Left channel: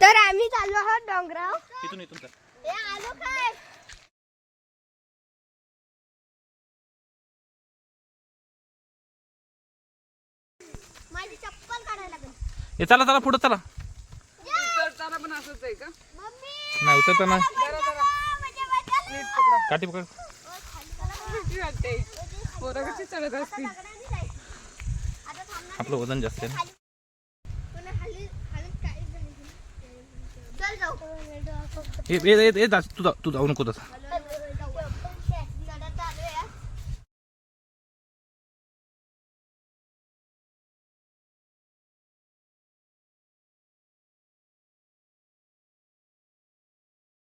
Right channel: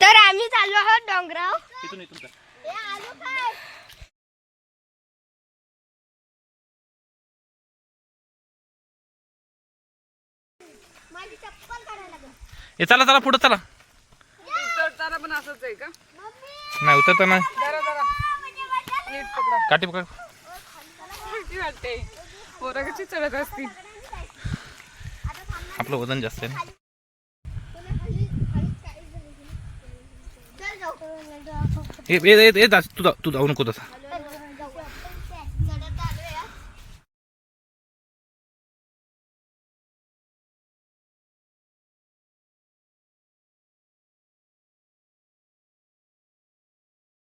तर आम्ही चाललो आहोत डोंगराव. इथून इथून कर. ए, आलो काय? माझी चप्पल काढायला लागेल. ए चला चला पुढं चला. उतरताना पण असंच आहे का? नाही उतरताना जरा जरा. नीट पकडा. काठी पोरं कशी चढत असतील? आपलं वजन जास्त आहे ना? ए तू जाऊ नको तसा.